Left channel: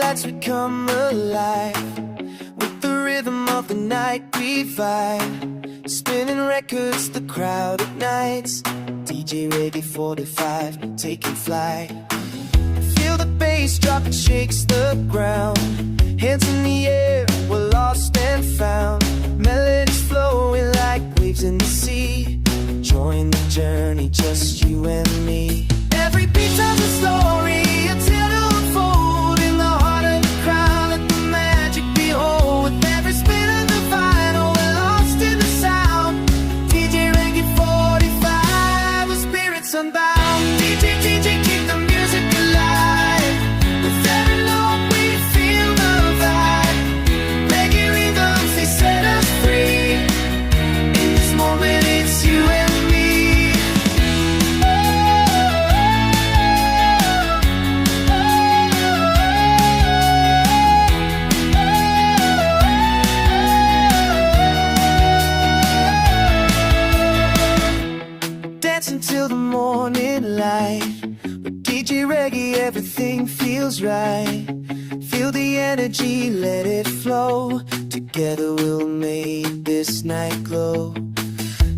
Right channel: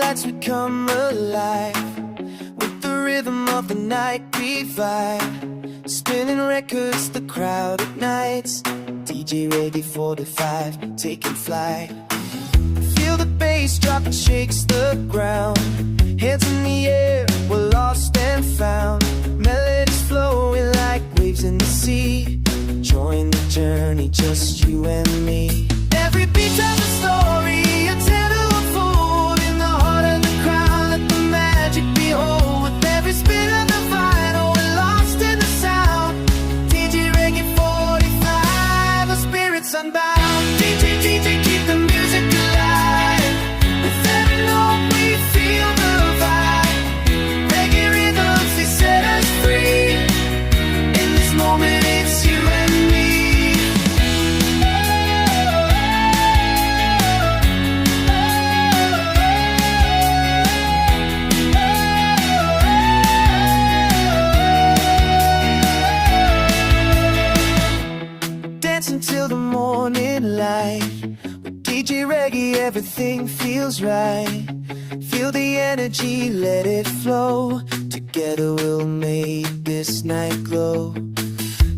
lights we come alive. With the rhythm of the night we vibe. Spinning records, the crowd ignites. DJ Reggae 45, taking flight. Feel the bass drop, it shakes the ground. Hands in the air, we're lost and found. Melodies flowing like waves in the sea. Join the journey, just you and me. Every beat tells a story, a tale to unfold. In the heart of the crowd, let the magic behold. With every spin of the vinyl, we're lost in the sound. DJ Reggae 45, the spirit's unbound. DJ, keep the music alive. With every note we feel the vibe. Reggae rhythms, they set us free. In this moment, it's you and me. Dance until the morning light. With DJ Reggae, everything feels right. Feel the energy, let it flow. Together we'll make this night glow.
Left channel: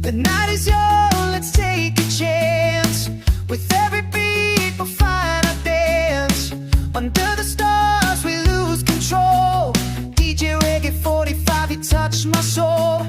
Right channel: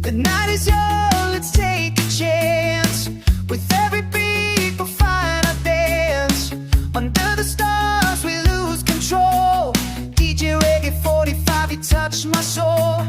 The night is young, let's take a chance. With every beat, we'll find our dance. Under the stars, we lose control. DJ Reggae 45, you touch my soul.